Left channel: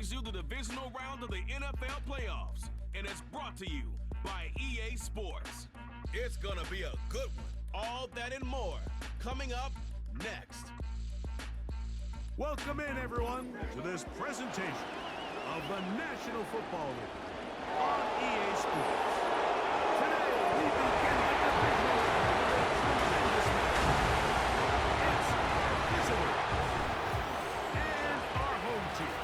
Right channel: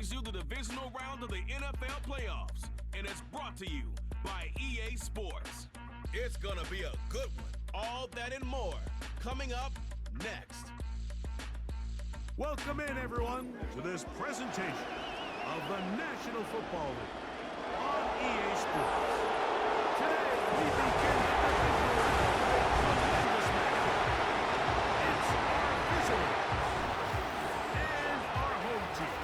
brings you the divisional round of the NFL playoffs, and it's brought to you by EA Sports. It's gonna be a good one. All that and more coming up next. Welcome in, everyone, to this presentation of the National Football League on EA Sports. Today, we begin the divisional round with a tremendous match. It's our visitors and our home team.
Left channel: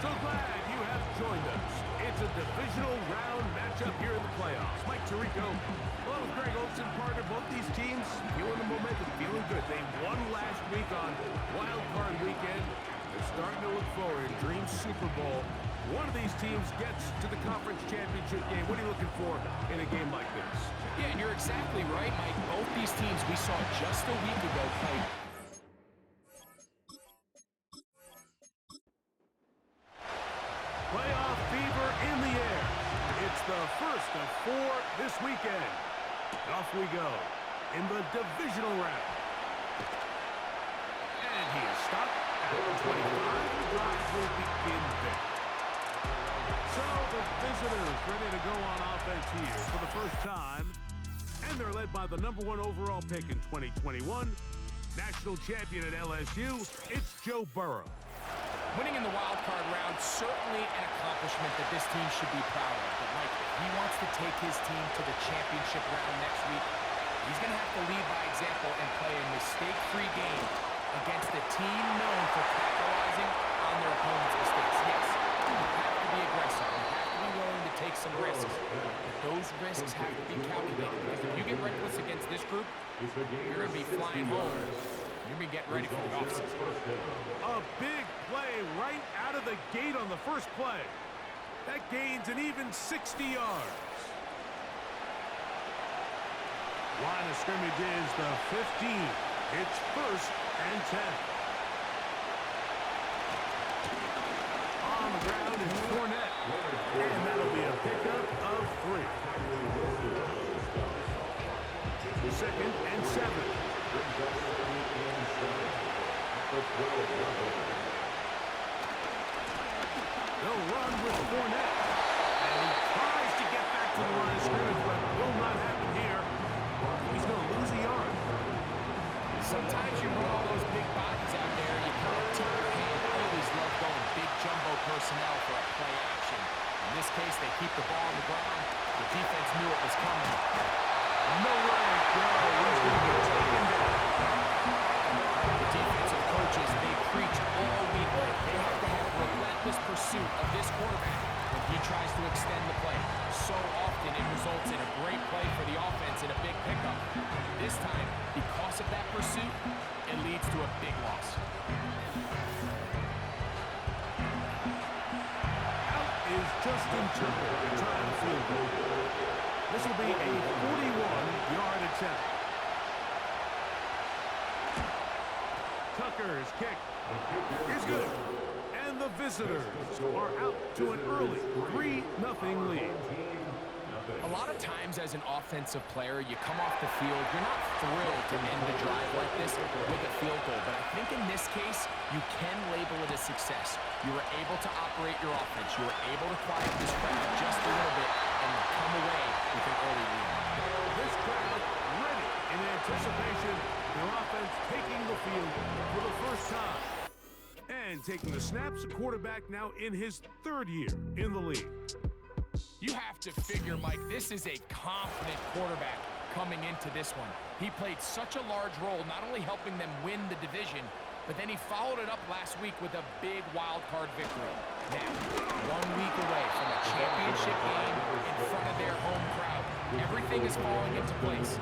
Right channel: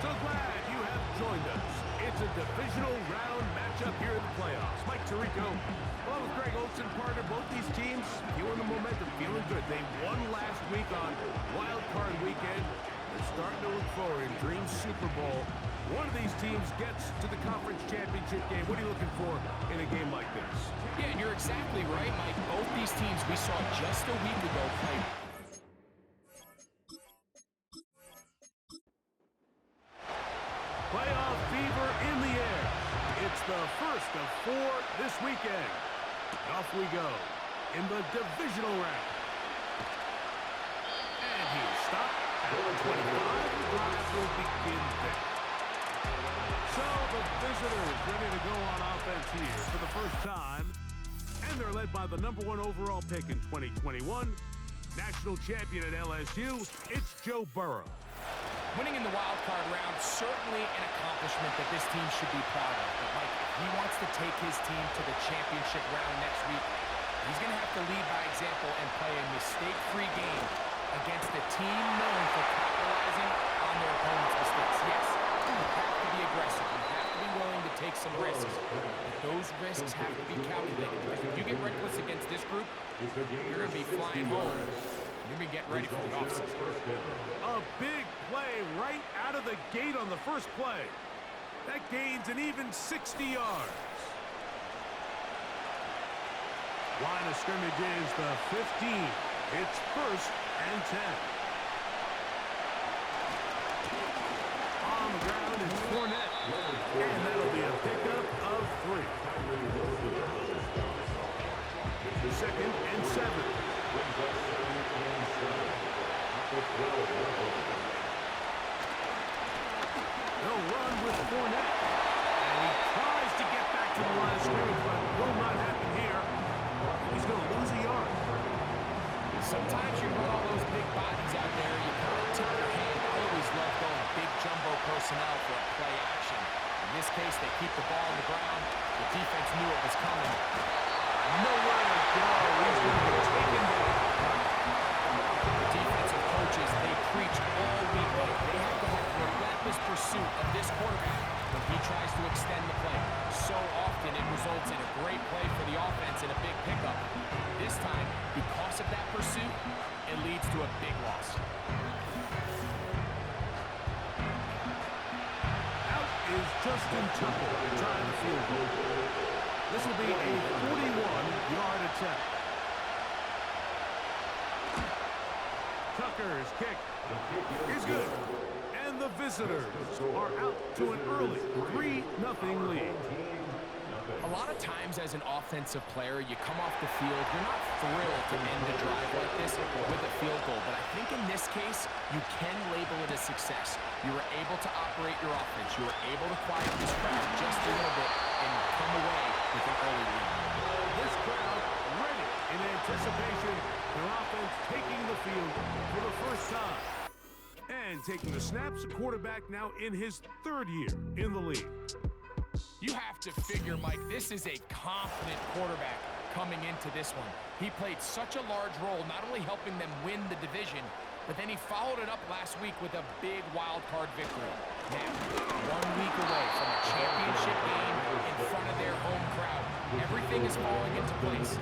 So glad you have joined us. It's a divisional round matchup here in the playoffs. Mike Tirico, along with Greg Olsen, partner. Both these teams feeling the momentum, feeling good. They won last week on Wild Card Weekend. They're starting to look forward in Dream Super Bowl. One of these teams gets to the conference championship game. What are you looking for in a game like this? Yeah, and you're exactly right, Mike. Both these teams we saw just a week ago play. Playoff fever in the air. It's the first of 4 this weekend. Off we go in the divisional round. And he is stopped at the 25. The drive will begin there. So the visitors ready to go on offense here for the first time. And they're led by the #1 overall pick in 2021. National champion at LSU, it's Joe Burrow. Winning in the wild card round, certainly an accomplishment that this team should be proud of. But Mike, if he wants to take his team to the championship round next week, he's going to have to lead by example and play a mistake-free game against a team known for capitalizing on their opponent's mistakes. Yes, you have to be aggressive. You have to be willing to take some risks. But those risks have to be calculated, because if you get reckless against this group, you're going to be flying home. You're going to be getting ready for the offseason. A big play right out of the gate on the first play. That gains an even 60 yards. Line of scrimmage is the 15. It's 1st and 10. On the ground is Fournette. And that'll be a pickup of 3. 2nd and 7. They'll run with Fournette. And he tries to get back to the line of scrimmage, but will not happen here. He's going to lose a yard. Sometimes you run all those big bodies out there, you kind of tip your hand. I always love going big jumbo personnel for a play action. In this case, they keep the ball on the ground. The defense knew it was coming. Nowhere to go. He's going to get taken down. The defensive coaches, they preach all week long. They have to have relentless pursuit of this quarterback when he tries to extend the play. So often it results in a great play for the offense and a big pickup. This time, because of that pursuit, it leads to a big loss. Out is Justin Tucker to try the field goal. This will be a 41-yard attempt. Tucker's kick is good. And the visitors are out to an early 3-0 lead. A lot of times as an offensive player, you come off the field, you're not thrilled to end a drive like this with a field goal. But I think in this case, you can label it a success. You were able to operate your offense. You were able to quiet this crowd just a little bit and come away with an early lead. This crowd ready in anticipation. Their offense taking the field for the first time. And taking the snaps, a quarterback now in his 3rd year in the league. You have to figure, Mike, this is a confident quarterback coming into this one. He played such a large role, not only helping them win the division, but then he followed it up last week with a big wild card victory. Now, 1 week away from a championship game in front of their home crowd. Everything is falling into place.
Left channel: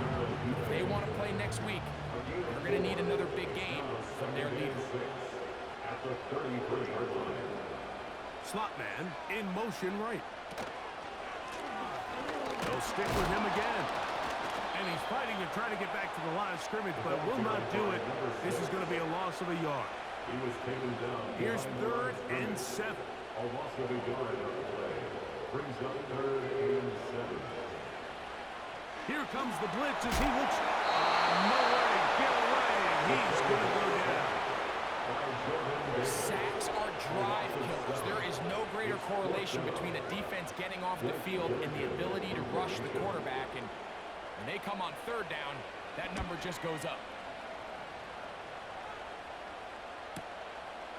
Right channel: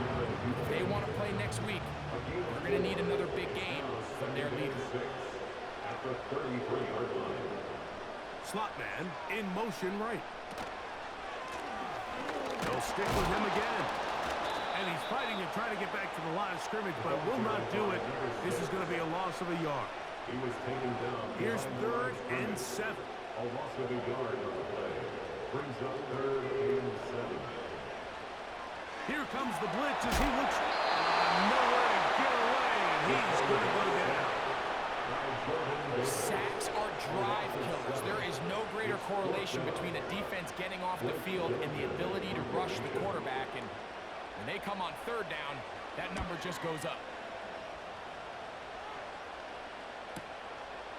If they want to play next week, they're going to need another big game from their leader. At the 33-yard line. Slot man in motion right. They'll stick with him again. And he's fighting to try to get back to the line of scrimmage, but will not do it. This is going to be a loss of a yard. He was taken down. Here's 3rd and 7. A loss of a yard on the play. Brings up 3rd and 7. Here comes the blitz as he looks nowhere to get away. And going to go down. Sacks are drive killers. There is no greater correlation between a defense getting off the field and the ability to rush the quarterback. And when they come on third down, that number just goes up.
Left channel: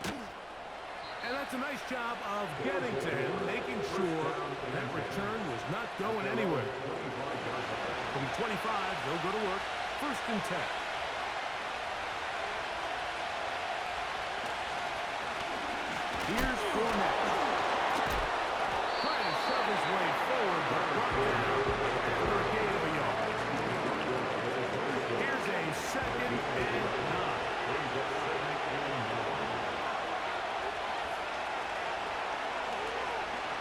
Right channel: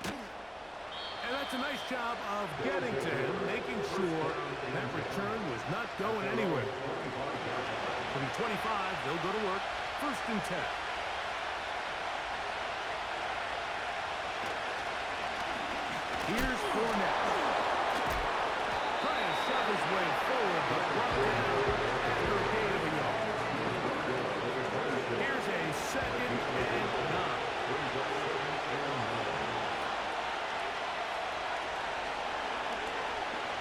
And that's a nice job of getting to him, making sure that return was not going anywhere. From the 25, they'll go to work. 1st and 10. Here's Fournette. Trying to shove his way forward, but brought down after a gain of a yard. Here's a 2nd and 9.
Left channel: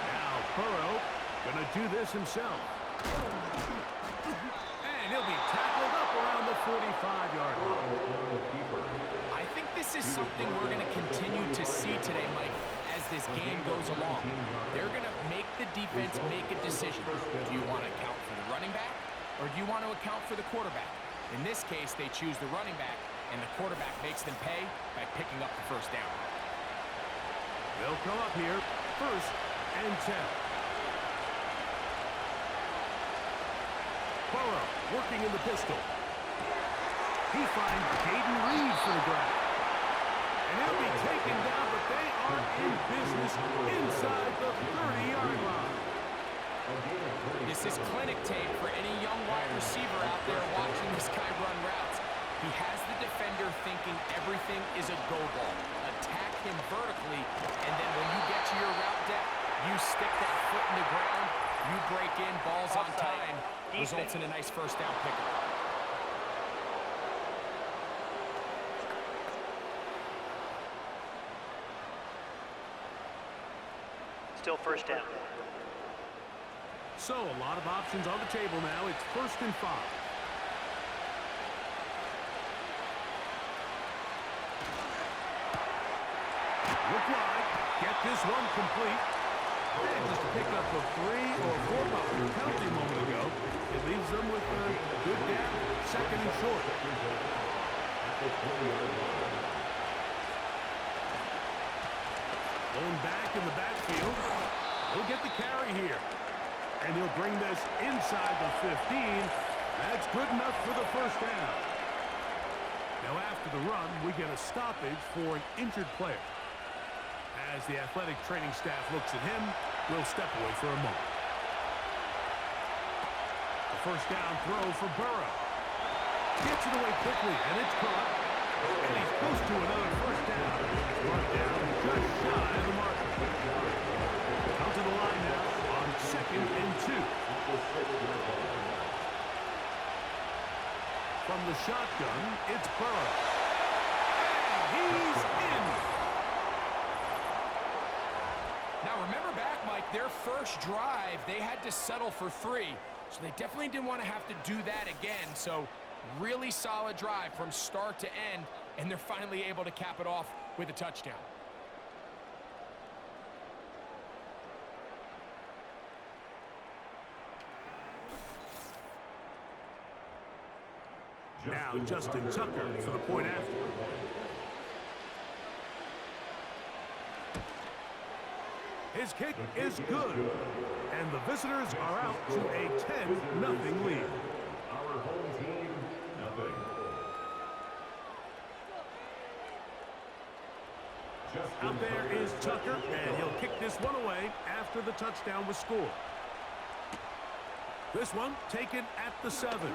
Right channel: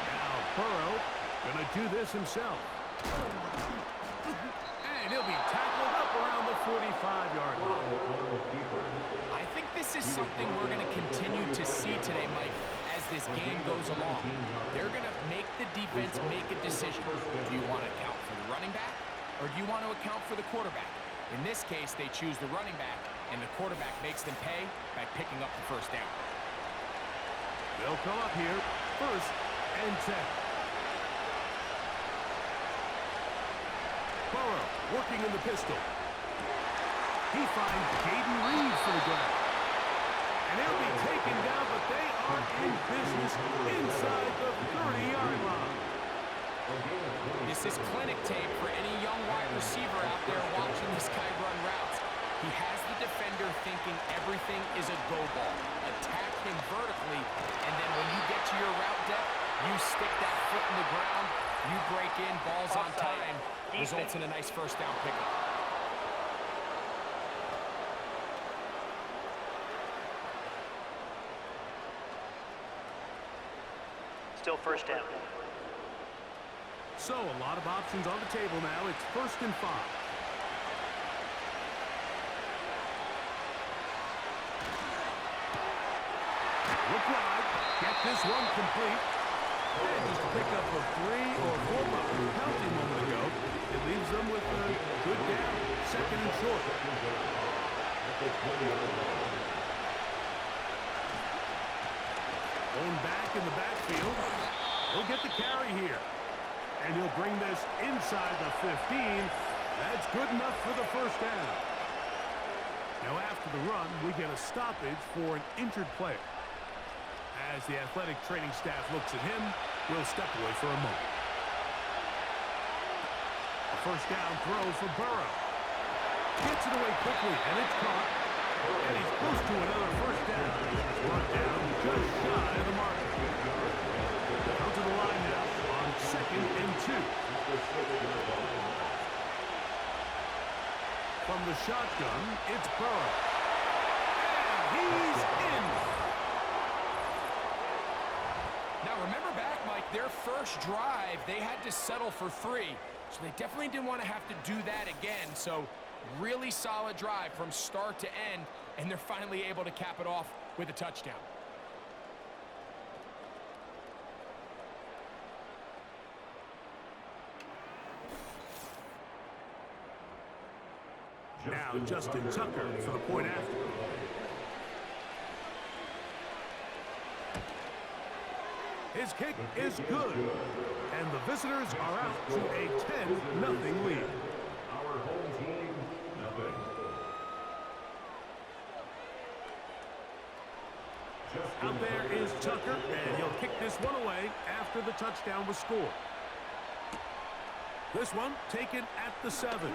Now Burrow gonna do this himself. And he'll be tackled up around the 45-yard line. I think this is something we're going to continue to see today, Mike, as this game goes along. They're going to make the defense make a decision. Do you want to account for the running back, or do you want to account for the quarterback? In this case, they choose the running back, and the quarterback makes them pay by picking up the 1st down. They'll come up here, 1st and 10. Burrow working in the pistol. He finds Jaden Reed for the grab. And he'll be taken down, but they are in business inside the 30-yard line. This is clinic tape for any young wide receiver out there watching this guy run routes. He has the defender thinking everything is a go ball. Attack him vertically, and then when you get to your route depth, you stick that foot in the ground, you break in, balls on time, results in a nice 1st down pickup. Still 1st down. So a lot of options on the table now. It's 1st and 5. Look wide. Get this one complete. And just a pickup of 3 or 4 buckets penalty a moment ago. It leaves them with a good down. 2nd and short. Going back in the backfield. He'll get the carry here. And he'll bring this inside the 15. That's good enough for the 1st down. Now after the run, we get a stoppage for an injured player. As the athletic training staff looks at him, we'll step away for a moment. A 1st down throw for Burrow. Gets it away quickly, and it's caught. And he's close to another 1st down. He's brought down just shy of the marker. Out to the line now on 2nd and 2. From the shotgun, it's Burrow. And he's in. Now remember back, Mike, their first drive, they had to settle for 3. So they definitely didn't want to have to do that again. So really solid drive from start to end, and they're finally able to cap it off with a touchdown. Now Justin Tucker for the point after. His kick is good, and the visitors are out to a 10-0 lead. Our home team, nothing. Out there is Tucker, and he'll kick this one away after the touchdown was scored. This one taken at the 7.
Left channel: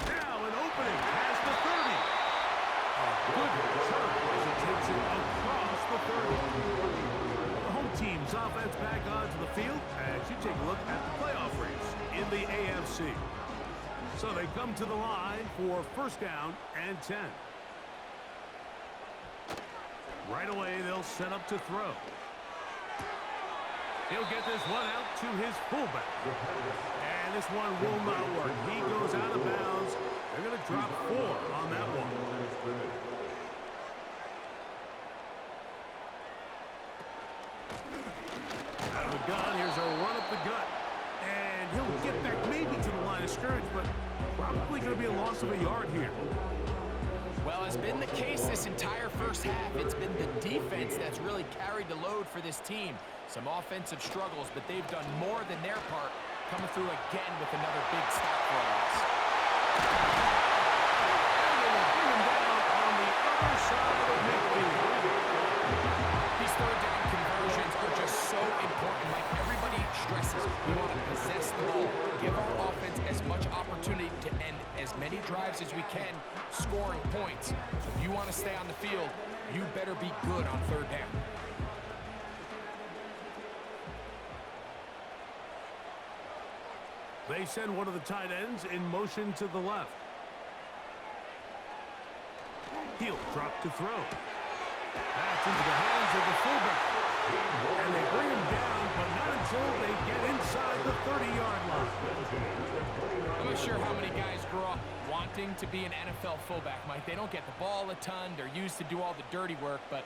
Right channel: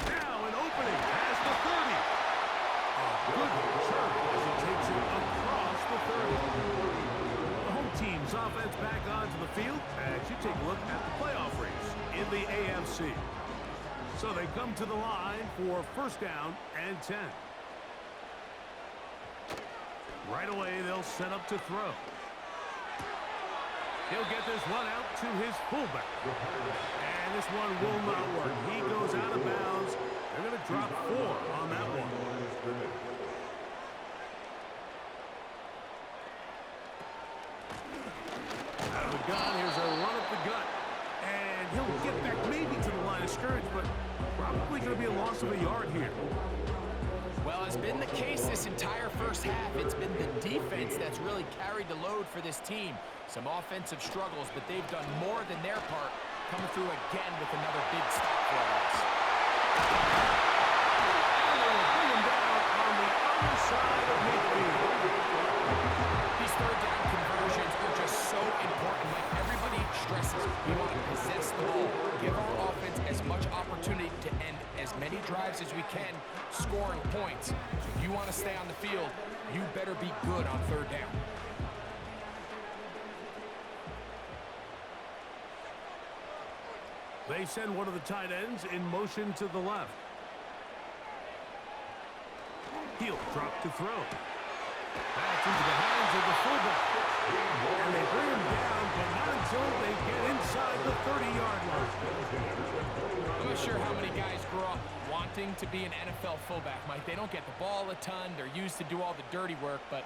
Now an opening has the 30. A good return as he takes it across the 30. The home team's offense back onto the field as you take a look at the playoff race in the AFC. So they come to the line for 1st down and 10. Right away, they'll set up to throw. He'll get this one out to his fullback. And this one will not work. He goes out of bounds. They're going to drop 4 on that one. Out of the gun, here's a run up the gut. And he'll get back maybe to the line of scrimmage, but probably going to be a loss of a yard here. Well, it's been the case this entire first half. It's been the defense that's really carried the load for this team. Some offensive struggles, but they've done more than their part, coming through again with another big stop for a loss. And they will bring him down on the other side of midfield. These third down conversions are just so important. Like everybody stresses, we want to possess the ball, give our offense as much opportunity to end as many drives as we can, scoring points. So if you want to stay on the field, you better be good on third down. They send one of the tight ends in motion to the left. He'll drop to throw. That's into the hands of the fullback. And they bring him down, but not until they get inside the 30-yard line. I'm not sure how many guys grow up wanting to be an NFL fullback, Mike. They don't get the ball a ton. They're used to do all the dirty work, but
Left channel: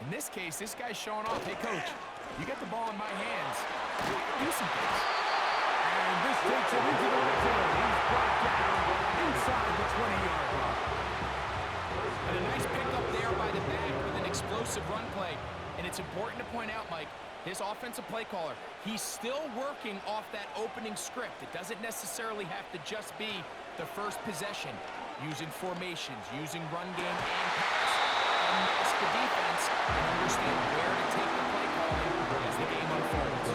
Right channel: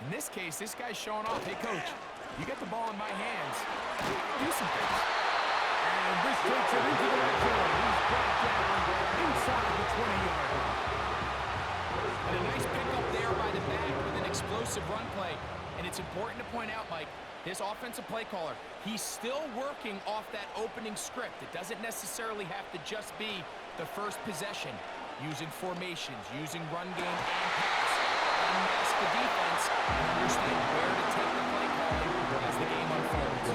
in this case, this guy's showing off. Hey, coach, you get the ball in my hands. I can do some things. And this takes him into the red zone. He's brought down inside the 20-yard line. And a nice pickup there by the back with an explosive run play. And it's important to point out, Mike, this offensive play caller, he's still working off that opening script. It doesn't necessarily have to just be the first possession. Using formations, using run game and pass. Unmask the defense and understand where to take the play calling as the game unfolds.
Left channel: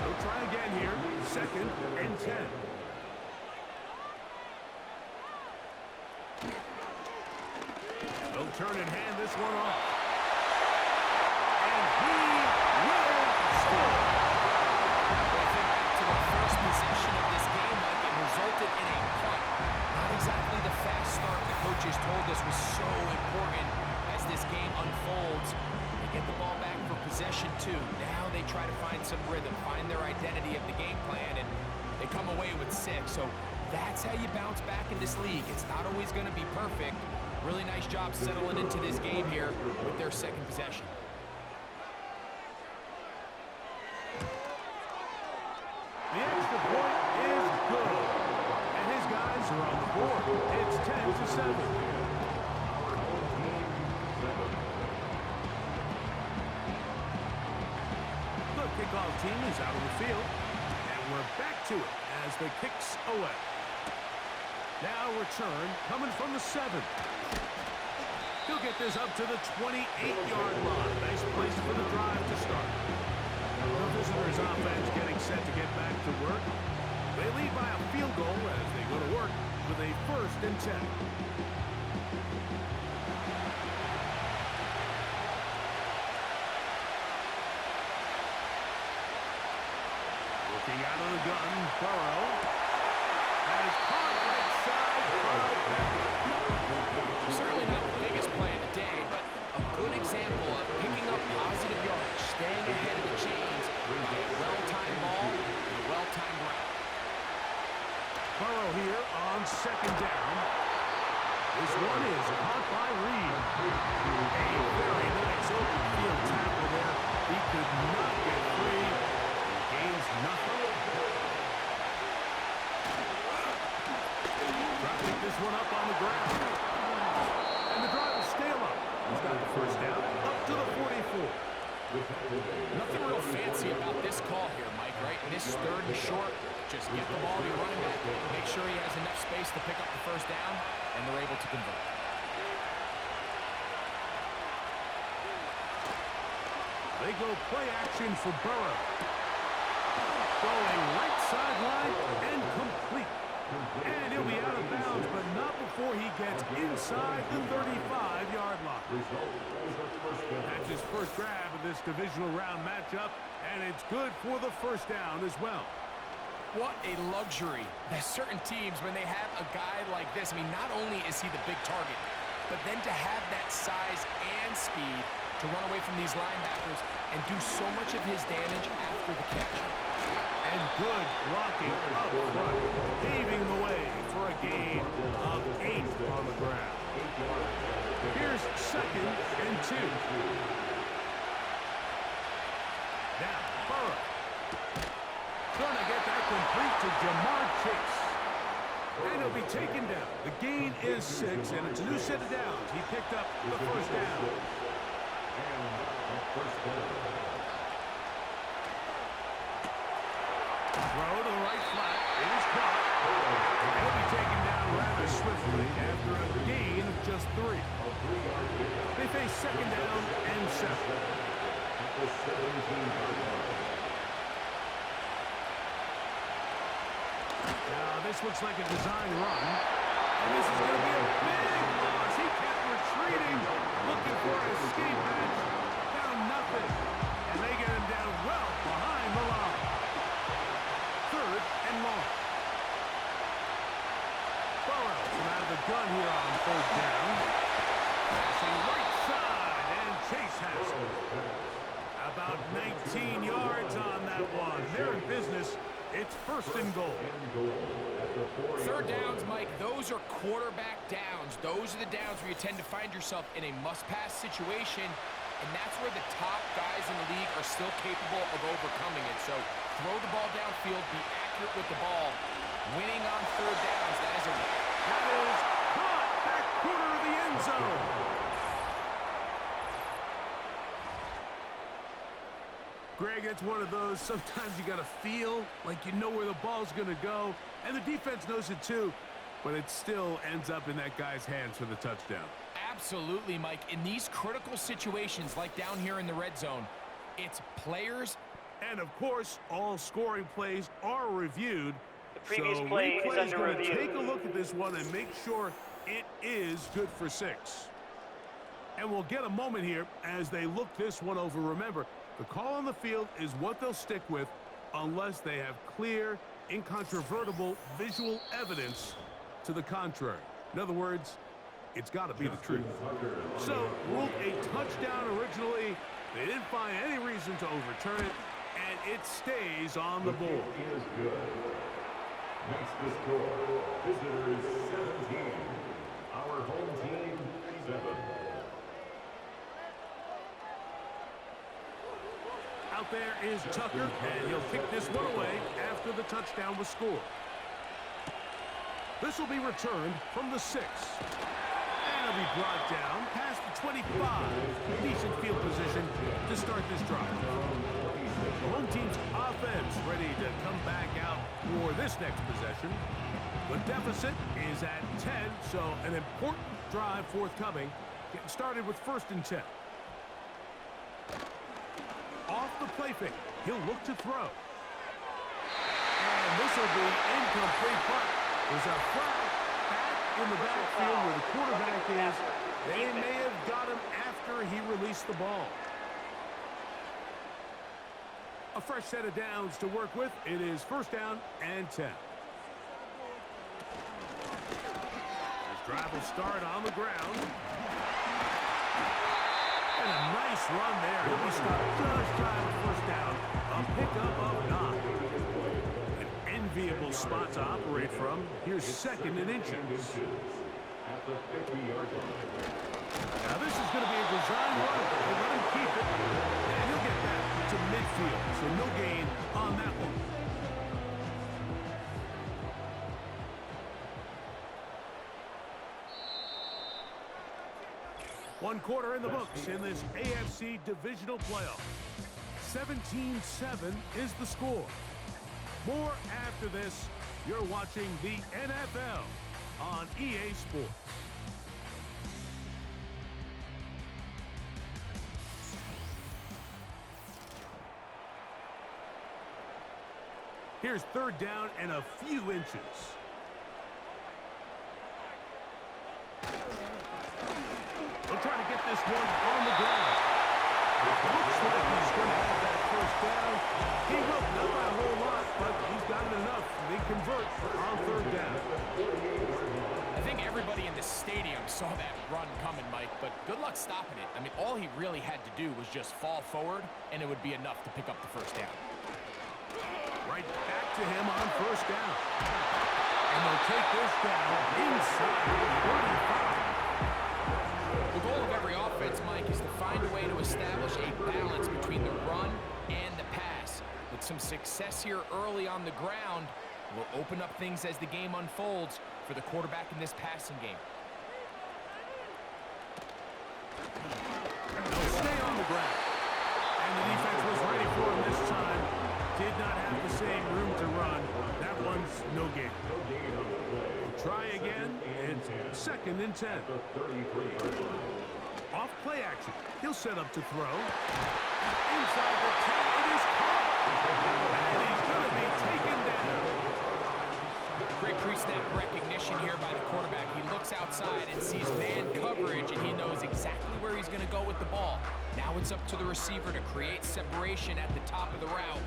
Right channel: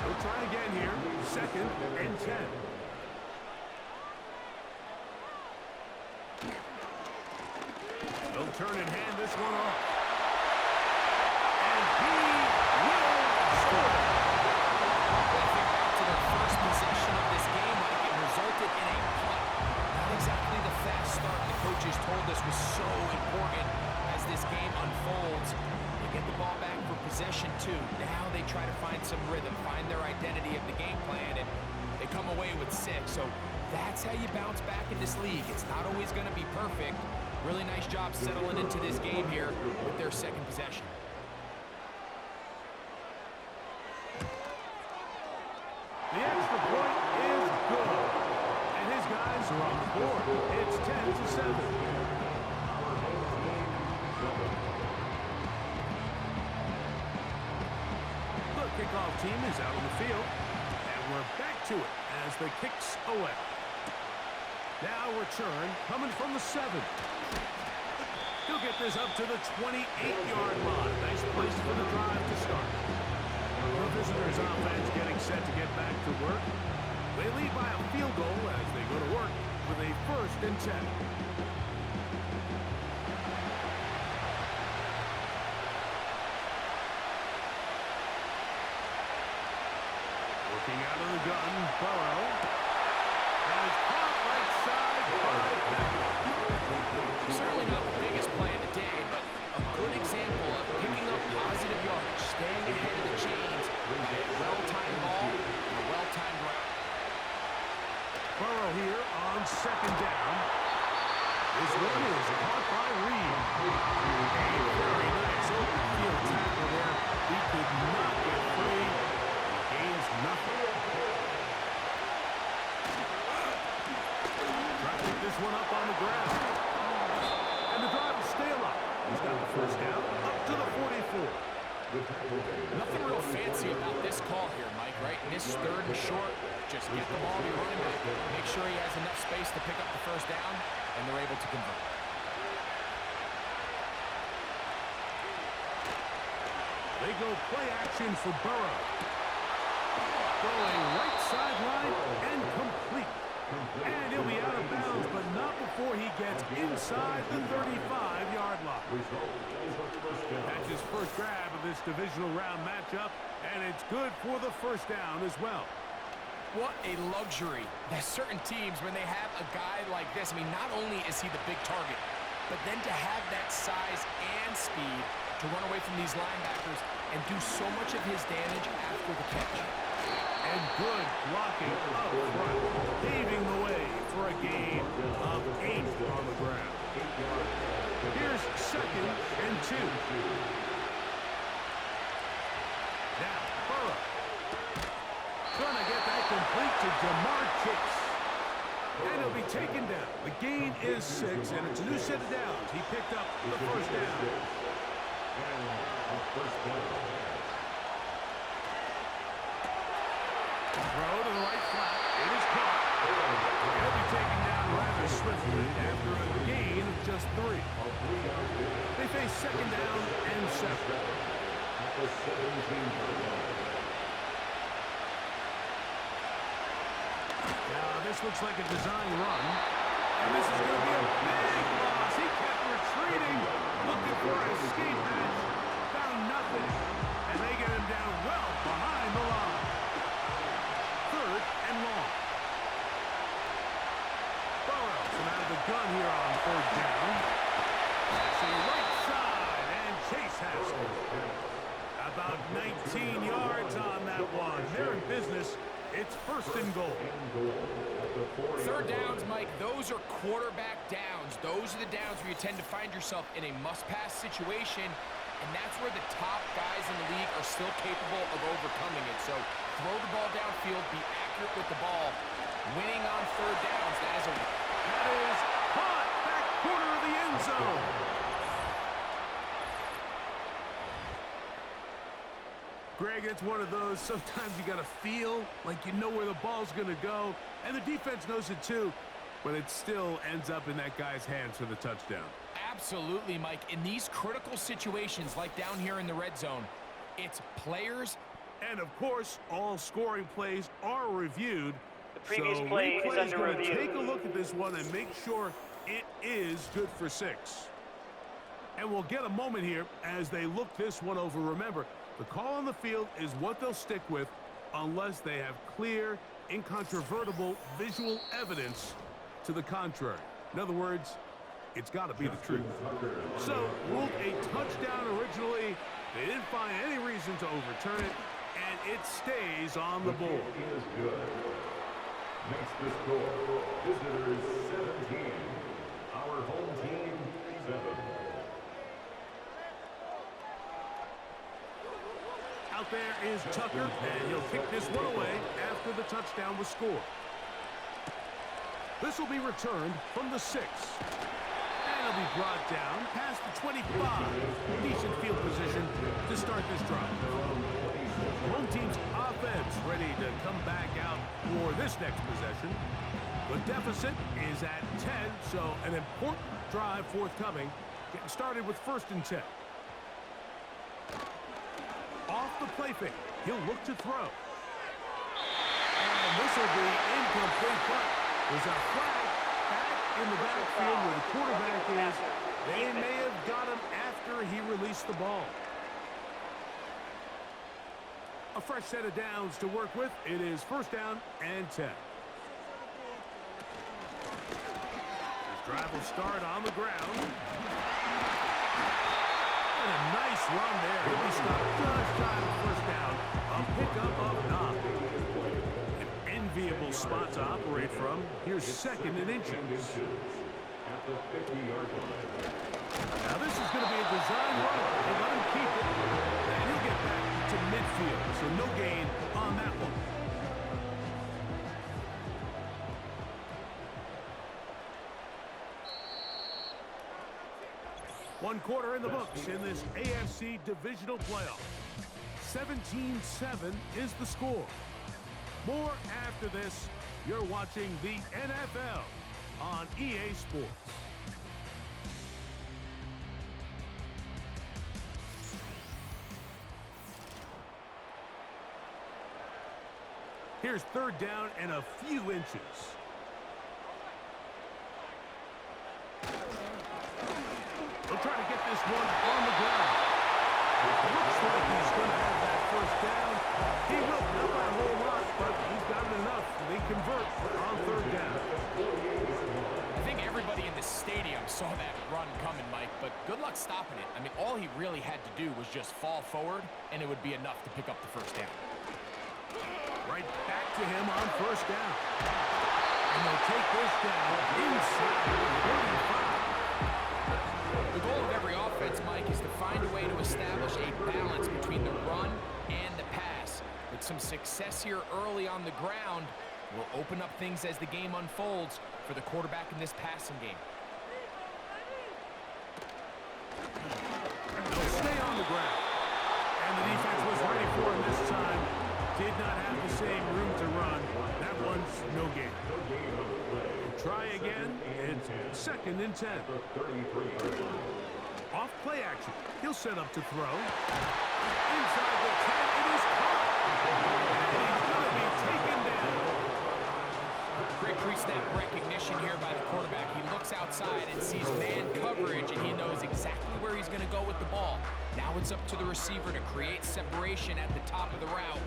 They'll try again here. 2nd and 10. They'll turn and hand this one off. And he will score. When I think back to the first possession of this game, Mike, it resulted in a punt. Not exactly the fast start the coaches told us was so important as this game unfolds. They get the ball back for possession 2. Now they try to find some rhythm, find their identity of the game plan, and they come away with 6. So that's how you bounce back in this league. It's not always going to be perfect. Really nice job settling into this game here with their 2nd possession. The extra point is good. And his guys are on the board. It's 10-7. The kickoff team is out on the field. And we're back to it as the kick's away. Now return coming from the 7. He'll get this up to the 28-yard line. Nice place for the drive to start. The visitors' offense getting set to get back to work. They lead by a field goal as they go to work with a 1st and 10. Looking out of the gun, Burrow. And it's caught right side by Beckett. Certainly not the biggest play of the day, but a good example of picking up positive yardage, staying ahead of the chains by a well-timed ball and a well-timed route. Burrow here on 2nd down. This one is caught by Reed. A very nice open field tackle there. He could not get free. He gains nothing. Try to pick this one up on the ground. And the drive will stay alive. He's got the 1st down up to the 44. Nothing real fancy about this call here, Mike, right? In this 3rd and short, just get the ball to your running back, make sure he has enough space to pick up the 1st down, and they're able to convert. They go play action for Burrow. Going right sideline and complete. And he'll be out of bounds, but not before he gets inside the 35-yard line. That's his first grab of this divisional round matchup, and it's good for the 1st down as well. What a luxury that certain teams, when they have a guy like this, I mean, not only is he the big target, but then to have that size and speed to run away from these linebackers and do so much of his damage after the catch. And good blocking up front, paving the way for a gain of 8 on the ground. Here's 2nd and 2. Now, Burrow. Gonna get that complete to Jamar Chase. And he'll be taken down. The gain is 6, and it's a new set of downs. He picked up the first down. And a first down. Throw to the right flat. It is caught. He'll be taken down rather swiftly after a gain of just 3. They face second down and 7. At the 17-yard line. Now this looks like a design run. And this is going to be a big loss. He kept retreating, looking for an escape hatch. Found nothing. And they get him down well behind the line. 3rd and long. Burrows from out of the gun here on 3rd down. Passing right side, and Chase has it. About 19 yards on that one. They're in business. It's 1st and goal. 3rd downs, Mike, those are quarterback downs. Those are the downs where you tend to find yourself in a must-pass situation, and that's where the top guys in the league are still capable of overcoming it. So throw the ball downfield, be accurate with the ball. Winning on 3rd downs, that is caught back corner of the end zone. Greg, it's one of those, sometimes you got to feel like you know where the ball's going to go, and the defense knows it too, but it still ends up in that guy's hands for the touchdown. Absolutely, Mike. In these critical situations, like down here in the red zone, it's players. And, of course, all scoring plays are reviewed. The previous so play is under going to review. take a look at this one and make sure it is good for 6. And we'll get a moment here as they look this one over. Remember, the call on the field is what they'll stick with unless they have clear, incontrovertible visual evidence to the contrary. In other words, it's got to be the truth. So, ruled a touchdown originally. They didn't find any reason to overturn it, and it stays on the board. It is good. Makes the score. Visitors 17. Our home team 7. Out there is Tucker, and he'll kick this one away after the touchdown was scored. This will be returned from the 6. And he'll be brought down past the 25. Decent field position to start this drive. The home team's offense ready to come back out for this next possession. The deficit is at 10, so an important drive forthcoming. Getting started with 1st and 10. Off the play fake, he'll look to throw. And this will be incomplete, but there's a flag back in the backfield where the quarterback is. They may have got him after he released the ball. A fresh set of downs to work with. It is 1st down and 10. This drive will start on the ground. And a nice run there. He'll be stopped just shy of 1st down. A pickup of 9. An enviable spot to operate from. Here's 2nd and inches. At the 50-yard line. Now this is going to be a design run. They let him keep it. And he'll get back to midfield. So no gain on that one. One quarter in the books in this AFC divisional playoff. 17-7 is the score. More after this. You're watching the NFL on EA Sports. Here's 3rd down and a few inches. They'll try to get this one on the ground. It looks like he's going to have that 1st down. He will, not by a whole lot, but he's got it enough. They convert on 3rd down. I think everybody in the stadium saw that run coming, Mike, but good luck stopping it. I mean, all he really had to do was just fall forward, and it would be enough to pick up the 1st down. Right back to him on 1st down. And they'll take this down inside the 35. The goal of every offense, Mike, is to find a way to establish a balance between the run and the pass. With some success here early on the ground, will open up things as the game unfolds. for the quarterback in this passing game. They'll stay on the ground. And the defense was ready for him this time. Did not have the same room to run. That one's no gain. We'll try again. It's 2nd and 10. Off play action. He'll set up to throw. Inside the 10. It is caught. And he's going to be taken down. Great pre-snap recognition here by the quarterback. He looks outside and sees man coverage, and he knows exactly where he's going to go with the ball. Now it's up to the receiver to create separation at the top of the route.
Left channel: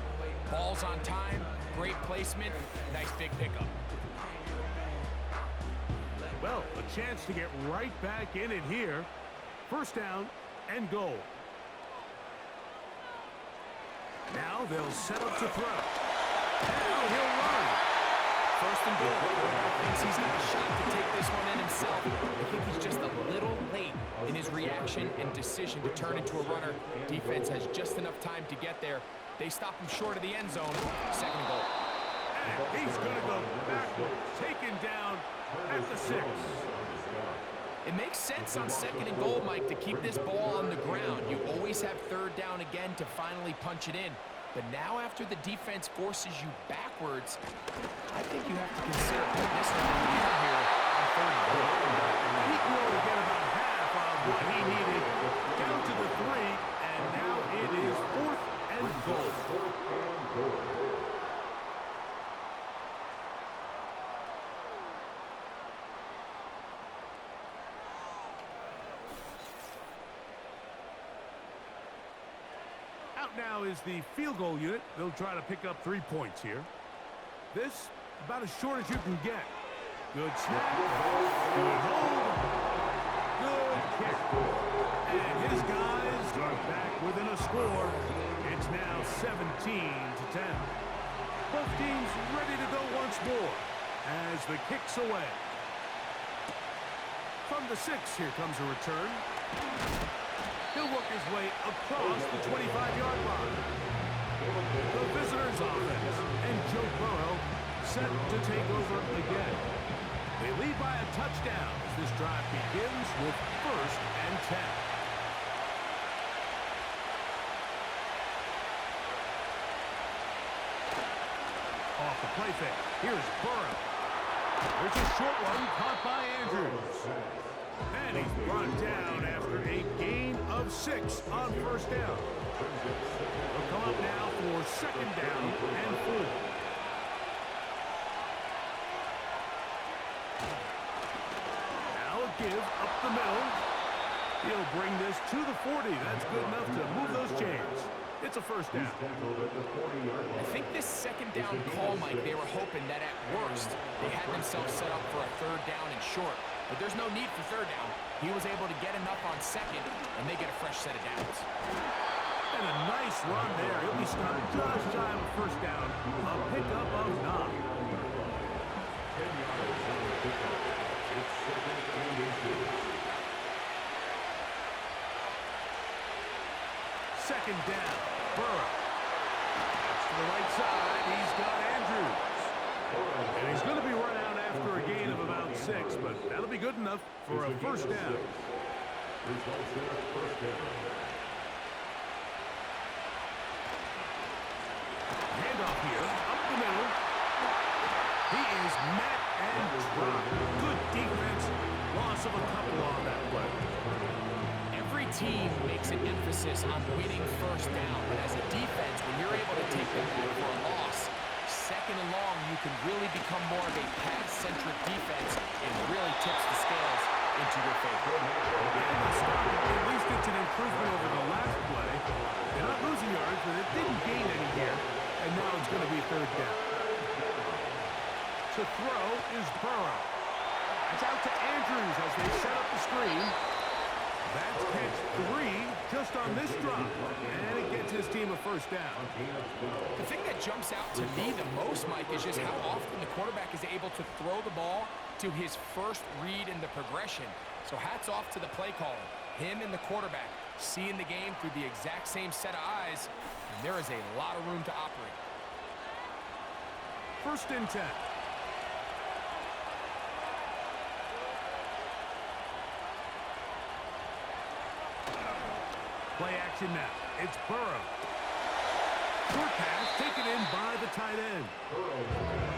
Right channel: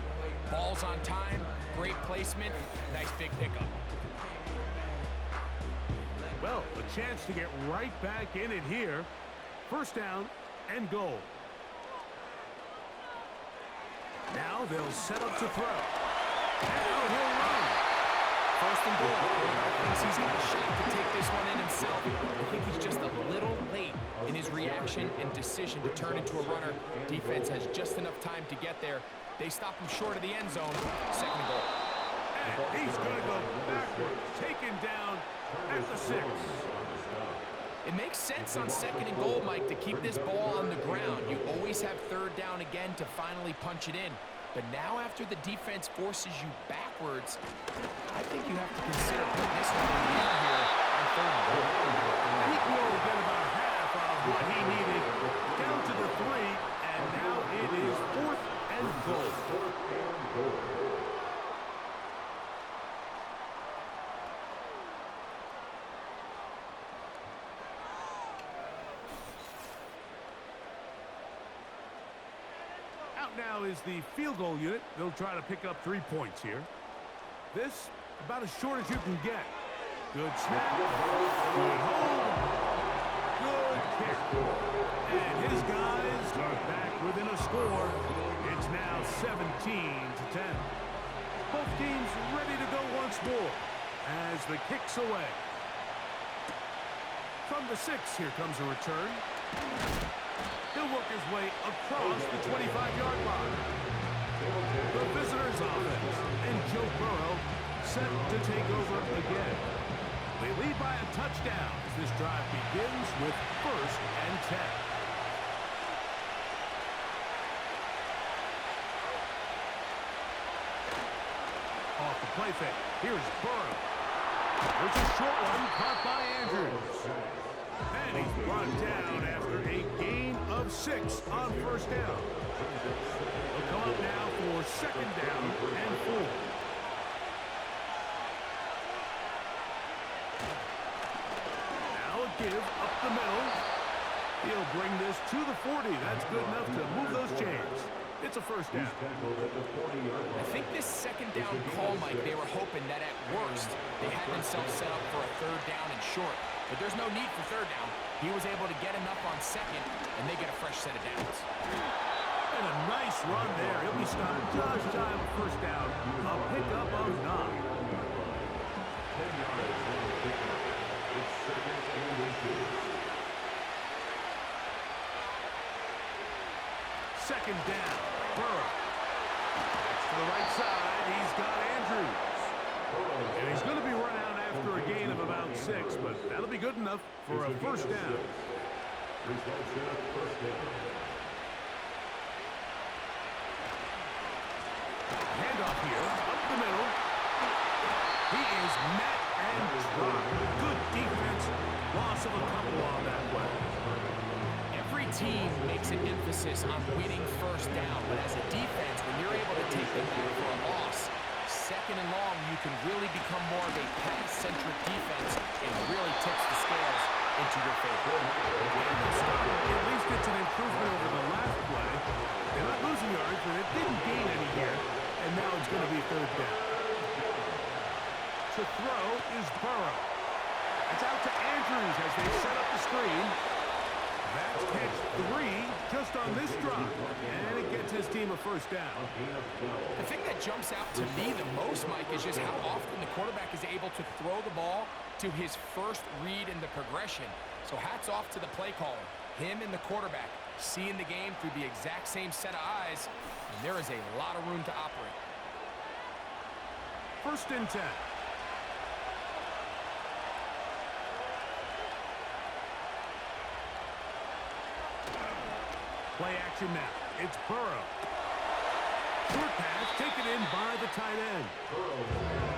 Ball's on time, great placement, nice big pickup. Well, a chance to get right back in it here. 1st down and goal. Now they'll set up to throw. Now he'll run. 1st and goal. The quarterback thinks he's got a shot to take this one in himself. I think he's just a little late in his reaction and decision to turn into a runner. Defense has just enough time to get there. They stop him short of the end zone. 2nd and goal. And he's going to go backwards, taken down at the 6. It makes sense on 2nd and goal, Mike, to keep this ball on the ground. You always have 3rd down again to finally punch it in. But now after the defense forces you backwards, I think you have to consider putting this one in the air here on 3rd and goal. He can only get about half of what he needed down to the 3, and now it is 4th and goal. Out now is the field goal unit. They'll try to pick up 3 points here. This, about as short as you can get. Good snap. Good hold. Good kick. And his guys are back within a score. It's now 17-10. Both teams ready to go once more as the kick's away. From the 6, here comes a return. He'll work his way across the 25-yard line. The visitors' offense and Joe Burrow set to take over again. They lead by a touchdown as this drive begins with 1st and 10. Off the play fake. Here's Burrow. There's a short one caught by Andrews. And he's brought down after a gain of 6 on 1st down. They'll come up now for 2nd down and 4. Now a give up the middle. He'll bring this to the 40. That's good enough to move those chains. It's a 1st down. I think this 2nd down call, Mike, they were hoping that at worst they had themselves set up for a 3rd down and short. But there's no need for 3rd down. He was able to get enough on 2nd, and they get a fresh set of downs. And a nice run there. He'll be stopped just shy of a 1st down. A pickup of 9. 10 yards on the pickup. It's 2nd and 8. 2nd down. Burrow. That's to the right side. He's got Andrews. And he's going to be run out after a gain of about 6, but that'll be good enough for a 1st down. Results in a 1st down. Handoff here, up the middle. He is met and dropped. Good defense. Loss of a couple on that play. Every team makes an emphasis on winning 1st down, but as a defense, when you're able to take them back for a loss, 2nd and long, you can really become more of a pass-centric defense and really tips the scales into your favor. And they'll stop it. At least it's an improvement over the last play. They're not losing yards, but it didn't gain any here. And now it's going to be 3rd down. To throw is Burrow. It's out to Andrews as they set up the screen. That's catch 3 just on this drop. And it gets his team a 1st down. The thing that jumps out to me the most, Mike, is just how often the quarterback is able to throw the ball to his first read in the progression. So hats off to the play caller. Him and the quarterback seeing the game through the exact same set of eyes, and there is a lot of room to operate. 1st and 10. Play action now. It's Burrow. Short pass taken in by the tight end.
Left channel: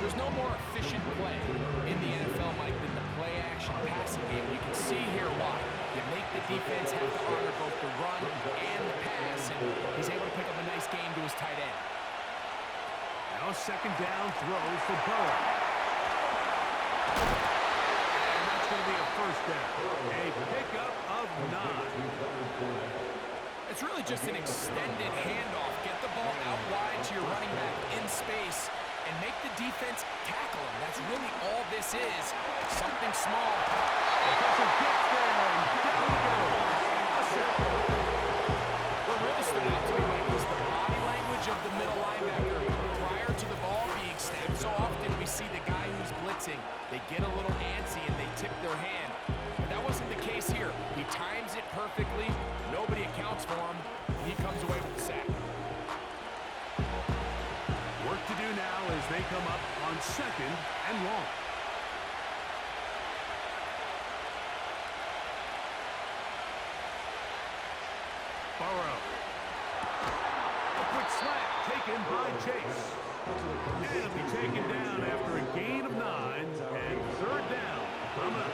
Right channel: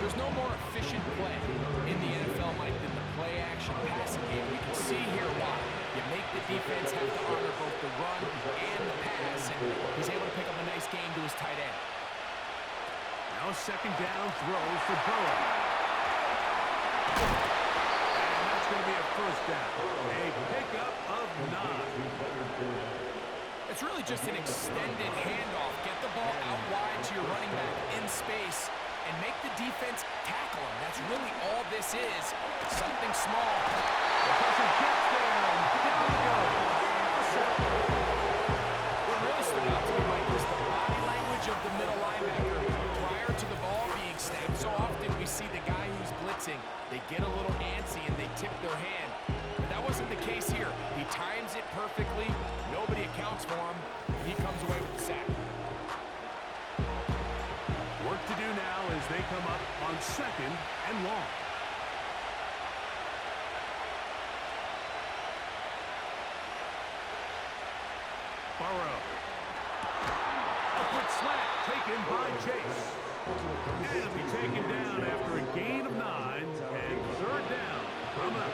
There's no more efficient play in the NFL, Mike, than the play-action passing game. You can see here why. You make the defense have to honor both the run and the pass, and he's able to pick up a nice game to his tight end. Now a second down throw for Burrow. And that's going to be a first down. A pickup of 9. It's really just an extended handoff. Get the ball out wide to your running back in space and make the defense tackle him. That's really all this is. Something small. The pressure gets there, and down he goes. A sack. What really stood out to me, Mike, was the body language of the middle linebacker prior to the ball being snapped. So often we see the guy who's blitzing, they get a little antsy and they tip their hand. But that wasn't the case here. He times it perfectly. Nobody accounts for him. And he comes away with the sack. Work to do now as they come up on 2nd and long. Burrow. A quick slant taken by Chase. And it'll be taken down after a gain of 9 and 3rd down coming up.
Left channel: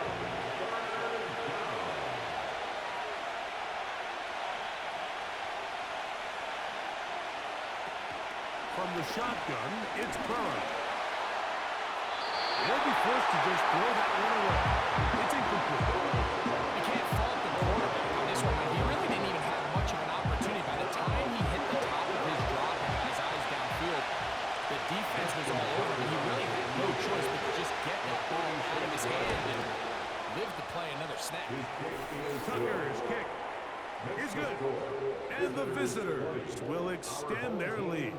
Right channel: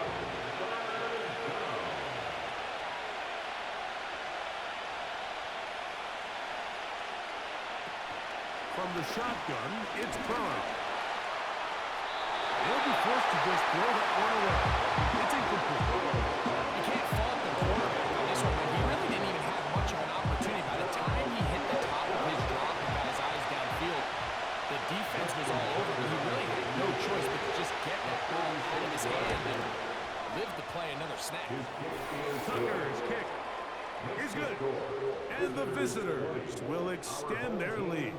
From the shotgun, it's Burrow. He'll be forced to just throw that one away. It's incomplete. You can't fault the quarterback on this one, but he really didn't even have much of an opportunity. By the time he hit the top of his drop and got his eyes downfield, the defense was all over him. He really had no choice but to just get that ball out of his hand and live to play another snap. Tucker's kick is good. And the visitors will extend their lead.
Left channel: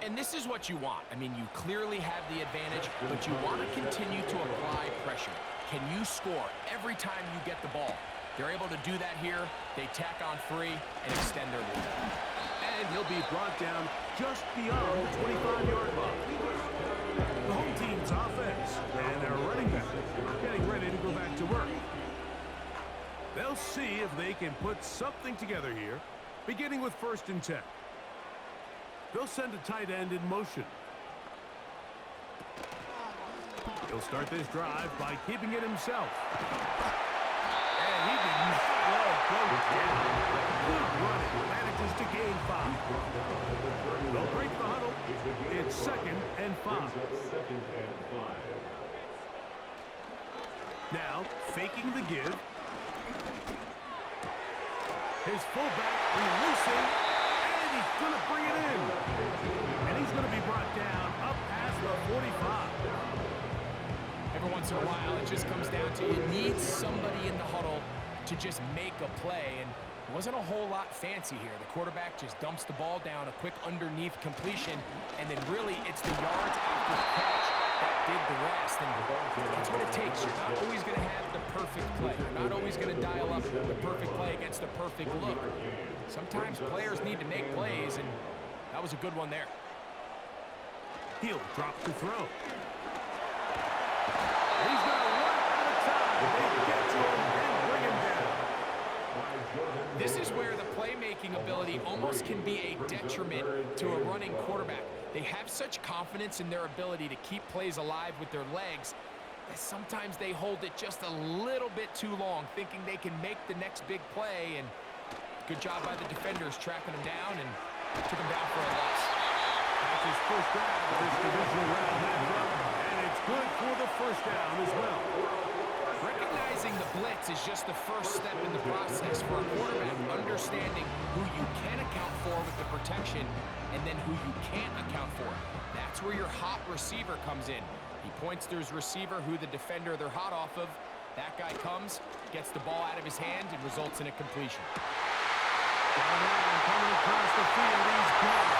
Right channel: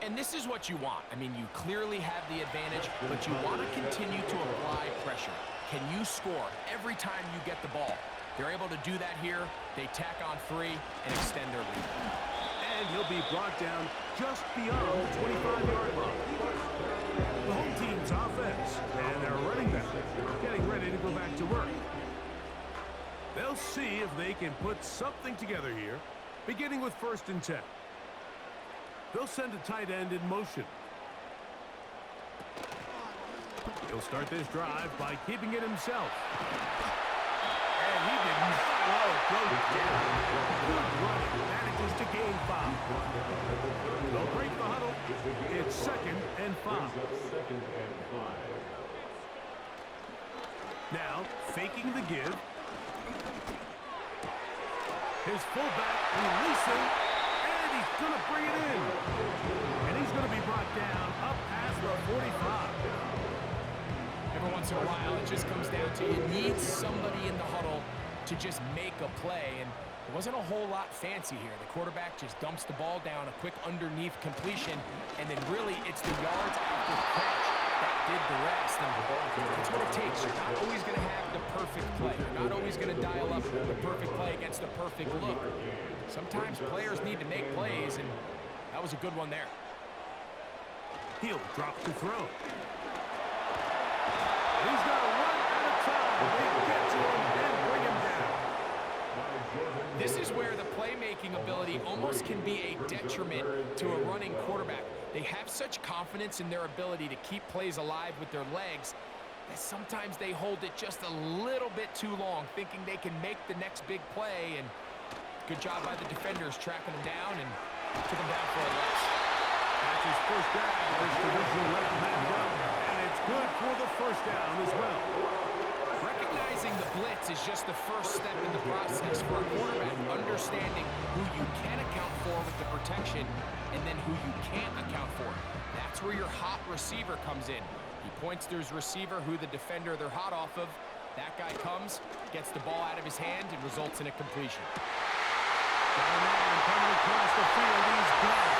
And this is what you want. I mean, you clearly have the advantage, but you want to continue to apply pressure. Can you score every time you get the ball? They're able to do that here. They tack on 3 and extend their lead. And he'll be brought down just beyond the 25-yard line. The home team's offense and their running back getting ready to go back to work. They'll see if they can put something together here, beginning with 1st and 10. They'll send a tight end in motion. He'll start this drive by keeping it himself. And he did not let it go down. Good running. Manages to gain 5. They'll break the huddle. It's 2nd and 5. Now, faking the give. His fullback releasing. He's going to bring it in. And he's going to be brought down up past the 45. Every once in a while, it just comes down to you need somebody in the huddle to just make a play. And it wasn't a whole lot fancy here. The quarterback just dumps the ball down, a quick underneath completion, and then really it's the yards after the catch that did the rest. And that's what it takes. You're not always going to have the perfect play. You're not always going to dial up the perfect play against the perfect look. Sometimes players need to make plays, and that was a good one there. He'll drop to throw. He's going to run out of time. They get to him and bring him down. This is where the playmaking ability almost can be a detriment to a running quarterback. They have such confidence in their ability to keep plays alive with their legs that sometimes they hold it just a little bit too long, thinking they can make the next big play, and good job by the defenders tracking him down and took him down for a loss. That's his first grab of this divisional round matchup, and it's good for the first down as well. Recognizing the blitz is just the first step in the process for a quarterback, understanding who you can account for with the protection and then who you can't account for. That's where your hot receiver comes in. He points to his receiver, who the defender they're hot off of. That guy comes, gets the ball out of his hand, and results in a completion. Down man coming across the field, he's gone.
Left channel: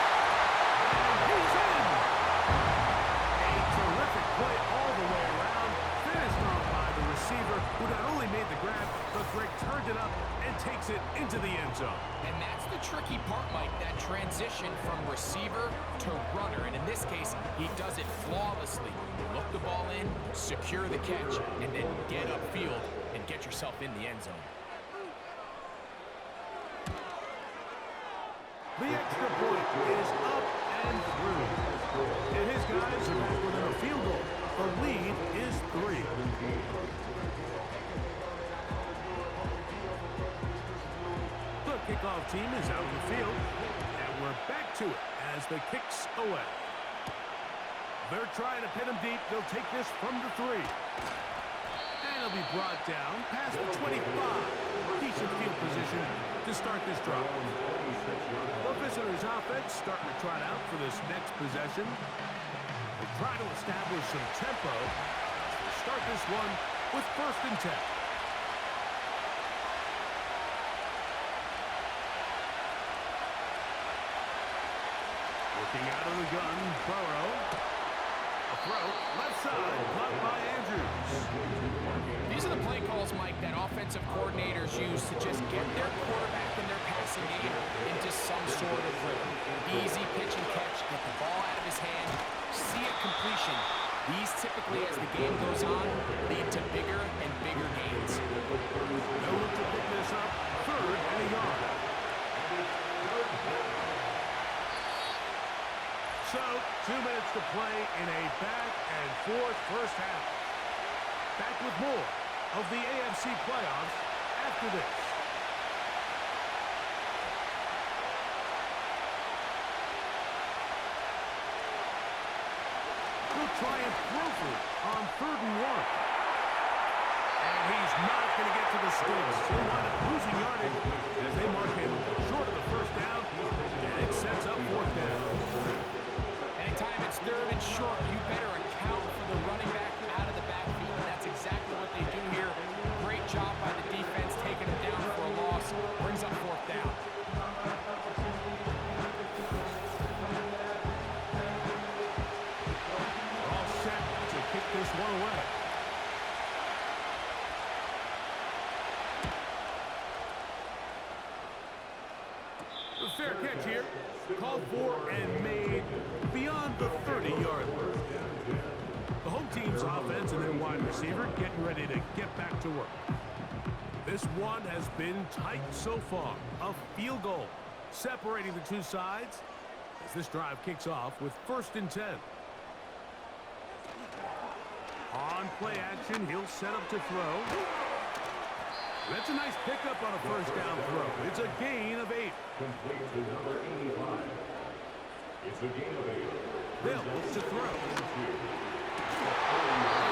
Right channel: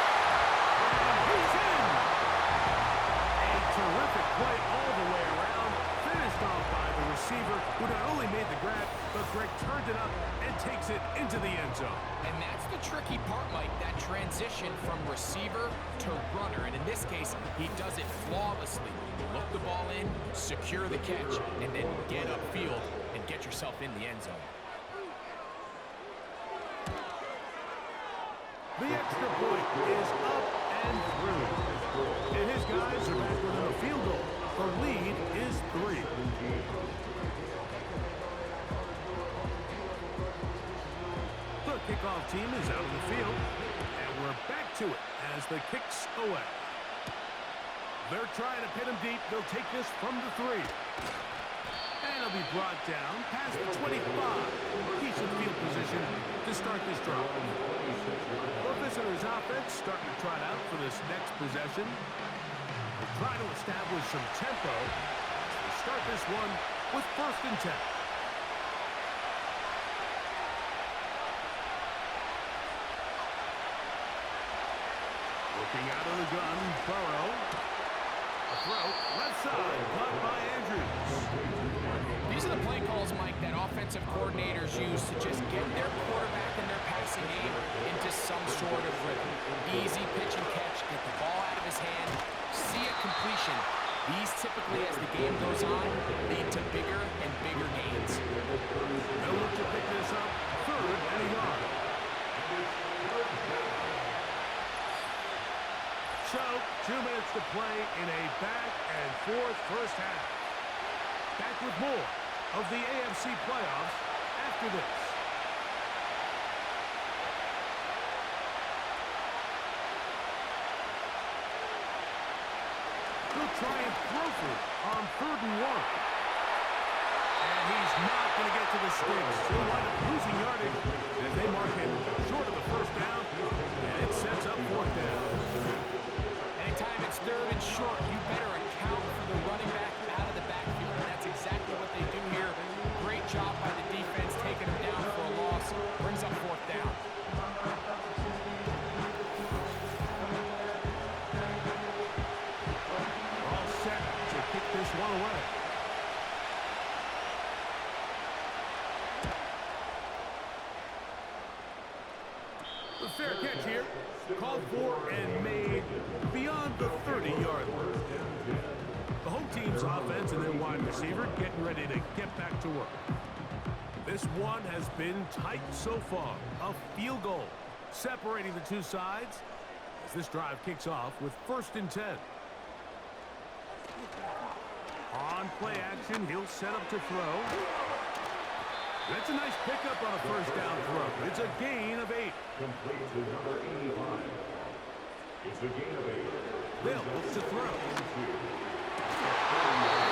And he's in! A terrific play all the way around, finished off by the receiver, who not only made the grab, but Greg turned it up and takes it into the end zone. And that's the tricky part, Mike, that transition from receiver to runner. And in this case, he does it flawlessly. Look the ball in, secure the catch, and then get upfield and get yourself in the end zone. The extra point is up and through. And his guys are back within a field goal. The lead is 3. The kickoff team is out on the field. And we're back to it as the kick's away. They're trying to pin him deep. They'll take this from the 3. And he'll be brought down past the 25. Decent field position to start this drive. The visitors' offense starting to trot out for this next possession. They'll try to establish some tempo as they start this one with 1st and 10. Looking out of the gun, Burrow. A throw, left side, caught by Andrews. These are the play calls, Mike, that offensive coordinators use to just get their quarterback and their passing game into some sort of rhythm. Easy pitch and catch, get the ball out of his hand, see a completion. These typically, as the game goes on, lead to bigger and bigger gains. They'll look to pick this up, 3rd and a yard. So, 2 minutes to play in a back-and-forth first half. Back with more of the AFC playoffs after this. He'll try and throw for it on 3rd and 1. And he's not going to get to the sticks. He'll wind up losing yardage as they mark him short of the 1st down. And it sets up 4th down. Anytime it's 3rd and short, you better account for the running back out of the backfield, and that's exactly what they do here. Great job by the defense, taking him down for a loss. Brings up 4th down. We're all set to kick this one away. The fair catch here, called for and made beyond the 30-yard line. The home team's offense and their wide receiver getting ready to get back to work. This one has been tight so far. A field goal separating the two sides as this drive kicks off with 1st and 10. On play action, he'll set up to throw. That's a nice pickup on a 1st down throw. It's a gain of 8. Complete to number 85. It's a gain of 8. They'll look to throw. And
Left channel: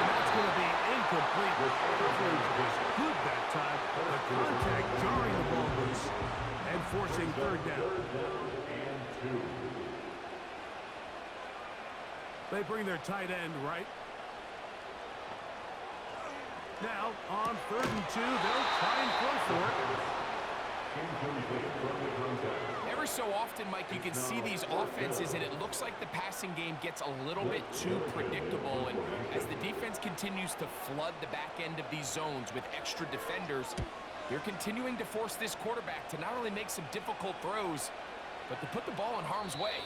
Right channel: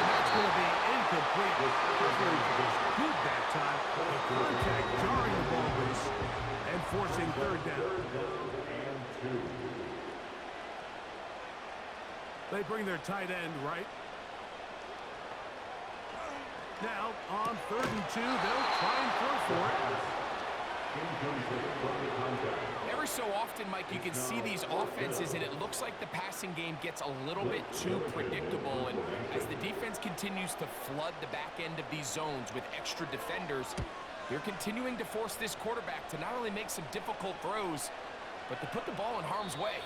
that's going to be incomplete. Coverage was good that time. The contact jarring the ball loose and forcing 3rd down. 3rd down and 2. They bring their tight end right. Now, on 3rd and 2, they'll try and throw for it. Incomplete from the contact. Every so often, Mike, you can see these offenses, and it looks like the passing game gets a little bit too predictable. And as the defense continues to flood the back end of these zones with extra defenders, they're continuing to force this quarterback to not only make some difficult throws, but to put the ball in harm's way.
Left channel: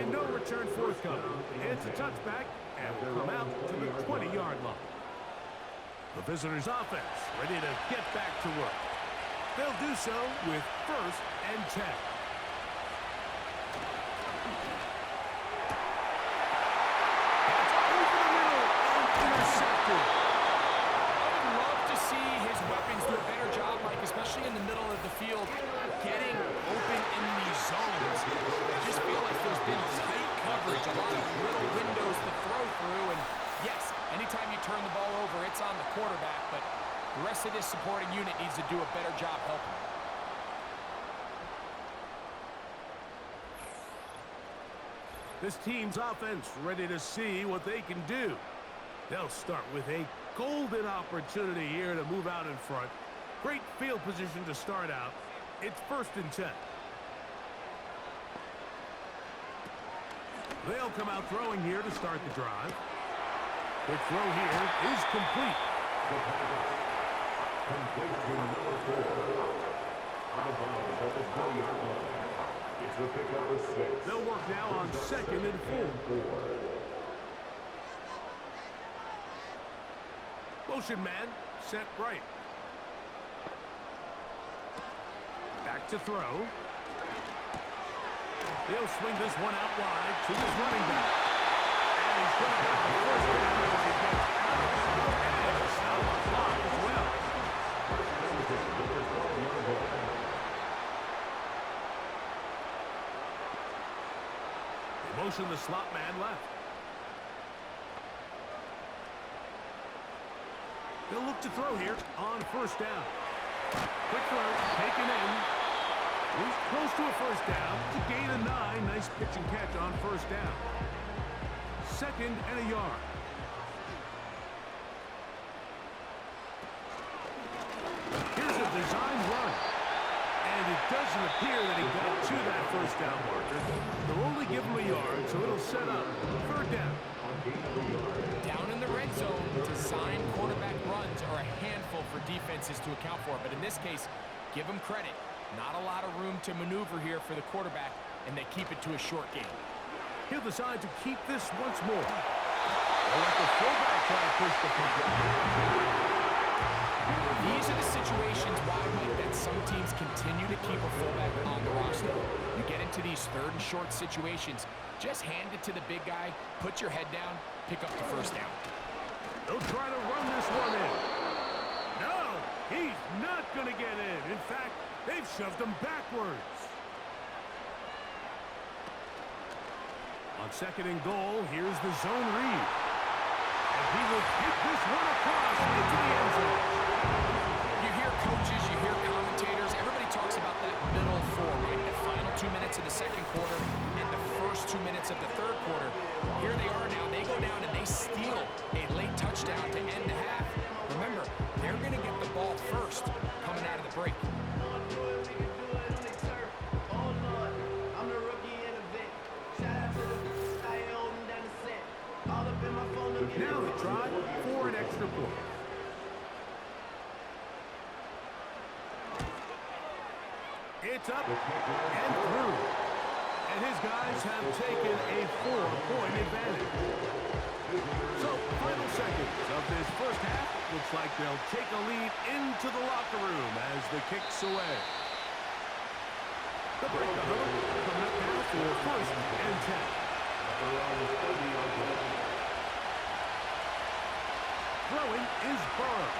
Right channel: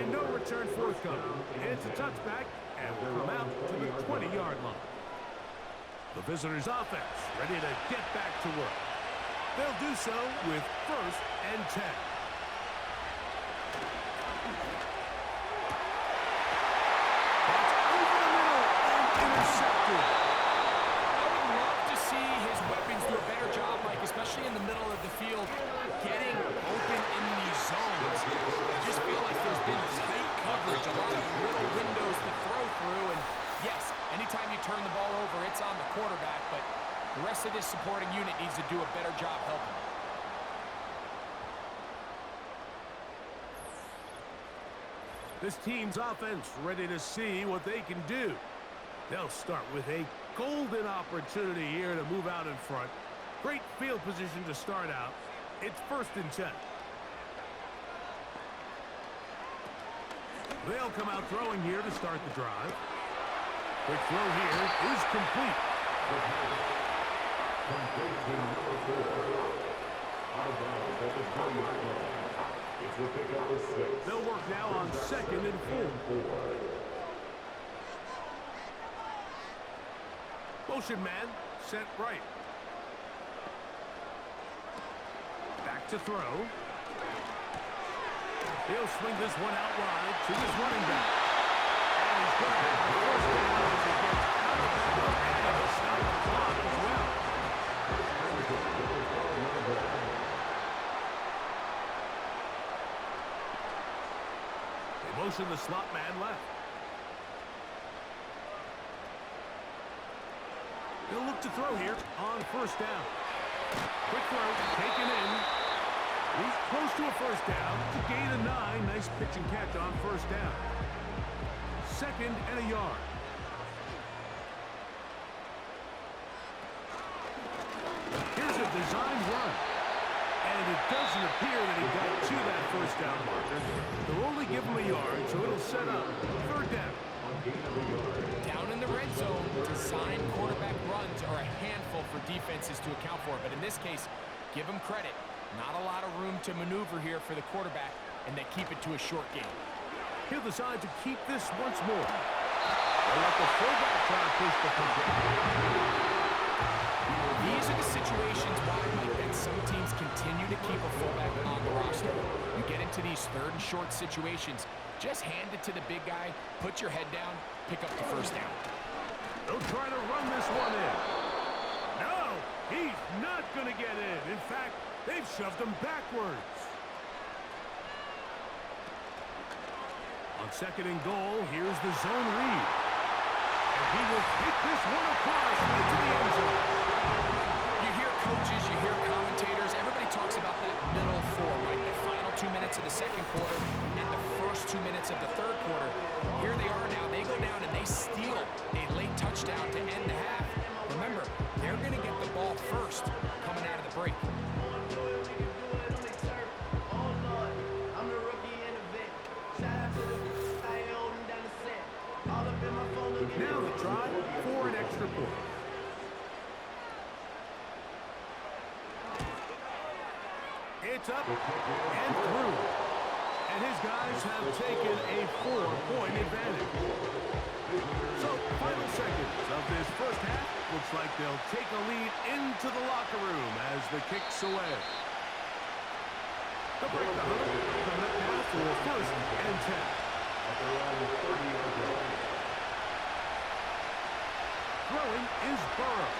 And no return forthcoming. It's a touchback, and will come out to the 20-yard line. The visitors' offense ready to get back to work. They'll do so with 1st and 10. That's over the middle and intercepted. I would love to see his weapons do a better job, Mike, especially in the middle of the field, getting open in these zones. I just feel like there's been tight coverage, a lot of little windows to throw through, and yes, anytime you turn the ball over, it's on the quarterback, but the rest of this supporting unit needs to do a better job helping. This team's offense ready to see what they can do. They'll start with a golden opportunity here to move out in front. Great field position to start out. It's 1st and 10. They'll come out throwing here to start the drive. Quick throw here is complete. Complete to number 4. Out of bounds at the 20-yard line. It's a pickup of 6. They'll work now on 2nd and 4. Motion man set right. Back to throw. He'll swing this one out wide to his running back. And he's going to have the first down as he gets out of bounds and stop the clock as well. They motion the slot man left. He'll look to throw here on first down. Quick throw, taken in. He's close to a first down. It's a gain of 9. Nice pitch and catch on first down. 2nd and a yard. Here's a design run. And it doesn't appear that he got to that first down marker. They'll only give him a yard, so it'll set up 3rd down. Down in the red zone, design quarterback runs are a handful for defenses to account for. But in this case, give them credit. Not a lot of room to maneuver here for the quarterback, and they keep it to a short game. He'll decide to keep this once more. They'll let the fullback try to push the pocket. These are the situations why, Mike, that some teams continue to keep a fullback on the roster. You get into these 3rd and short situations, just hand it to the big guy, put your head down, pick up the first down. They'll try to run this one in. No, he's not going to get in. In fact, they've shoved him backwards. On 2nd and goal, here's the zone read. And he will take this one across into the end zone. You hear coaches, you hear commentators, everybody talks about that middle 4, right? The final 2 minutes of the 2nd quarter and the first 2 minutes of the 3rd quarter. Here they are now. They go down and they steal a late touchdown to end the half. Remember, they're going to get the ball first coming out of the break. Now the try for an extra point. It's up and through. And his guys have taken a 4-point advantage. So, final seconds of this first half. Looks like they'll take a lead into the locker room as the kick's away. They'll break the huddle. Coming up now for 1st and 10. At their own 30-yard line. Throwing is Burrow.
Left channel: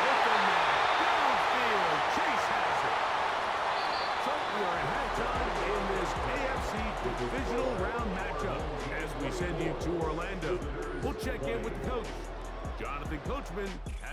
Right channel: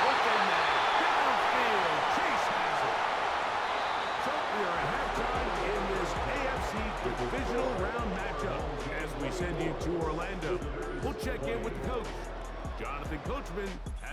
Open man, downfield, Chase has it. So we are at halftime in this AFC divisional round matchup as we send you to Orlando. We'll check in with the coach. Jonathan Coachman has